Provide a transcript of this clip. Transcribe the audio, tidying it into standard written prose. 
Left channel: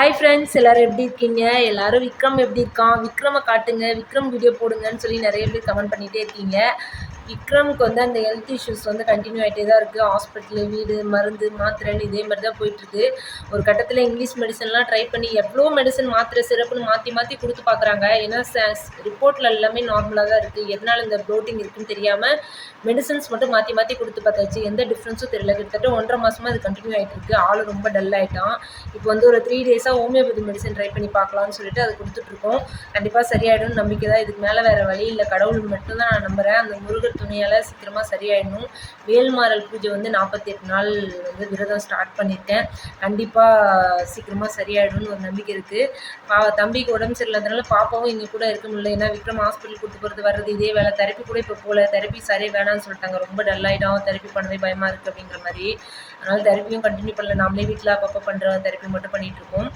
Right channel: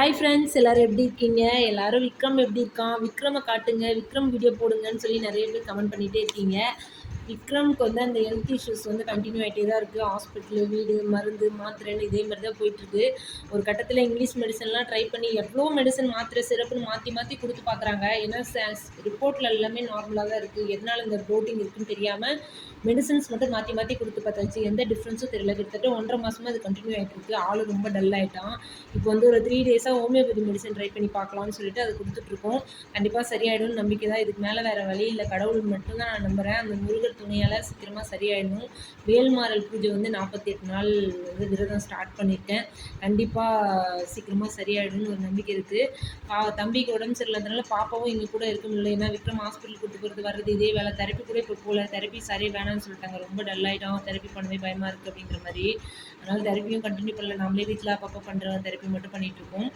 Hi friends, எல்லோரும் எப்படி இருக்கீங்க? எல்லோரும் விக்ரம் எப்படி இருக்கான், விக்ரமை காட்டுங்க, விக்ரம் வீடியோ போடுங்கன்னு சொல்லி நிறைய பேர் கமெண்ட் பண்ணிகிட்டே இருக்கீங்க. விக்ரமுக்கு வந்து அந்த ஹெல்த் இஷ்யூஸ் வந்து கண்டினியூ ஆகிட்டே தான் இருக்குது. ஹாஸ்பிட்டலு, வீடு, மருந்து, மாத்திரைன்னு இதே மாதிரி தான் போயிட்டுருக்கு. ஒரு கட்டத்தில் இங்கிலீஷ் மெடிசன்லாம் ட்ரை பண்ணி எவ்வளோ மெடிசன், மாத்திரை, சிறப்புன்னு மாற்றி மாற்றி கொடுத்து பார்க்குறாங்க. ஏன்னா ரிப்போர்ட்டில் எல்லாமே நார்மலாக தான் இருக்குது. எதனால் இந்த ப்ளோட்டிங் இருக்குதுன்னு தெரியாமல் மெடிசன்ஸ் மட்டும் மாற்றி மாற்றி கொடுத்து பார்த்தாச்சு. எந்த டிஃப்ரென்ஸும் தெரியல. கிட்டத்தட்ட 1.5 மாதமாக அது கண்டினியூ ஆகிட்டு இருக்குது. ஆள் ரொம்ப டல் ஆகிட்டான். இப்போ வந்து ஒரு 3 டேஸாக ஹோமியோபதி மெடிசன் ட்ரை பண்ணி பார்க்கலான்னு சொல்லிட்டு அது கொடுத்துட்ருக்கோம். கண்டிப்பாக சரியாயிடும்னு நம்பிக்கை தான். இதுக்கு மேலே வேறு வழி இல்லை. கடவுள் மட்டும்தான் நான் நம்புகிறேன். அந்த முருகர் துணையால் சீக்கிரமாக சரியாயிடணும். வேல்மாறல் பூஜை வந்து 48 நாள் வந்து விரதம் ஸ்டார்ட் பண்ணியிருக்கேன். கண்டிப்பாக சீக்கிரமாக சரியாயிடும்னு ஒரு நம்பிக்கை இருக்குது. தம்பிக்கு உடம்பு சரியில்லாதனால பாப்பாவும் இங்கே கூட இருக்க முடியல. ஏன்னா விக்ரம் ஹாஸ்பிட்டல் கூட்டு போகிறது வர்றது இதே வேலை. தெரப்பி கூட இப்போ போகல. தெரப்பி சரியாக வேணான்னு சொல்லிட்டாங்க. ரொம்ப டல்லாகிடும், தெரப்பி பண்ணவே பயமாக இருக்குது அப்படிங்கிற மாதிரி. அதனால் தெரப்பியும் கண்டினியூ பண்ணல. நாமளே வீட்டில் அப்பப்போ பண்ணுற தெரப்பி மட்டும் பண்ணிகிட்ருக்கோம்.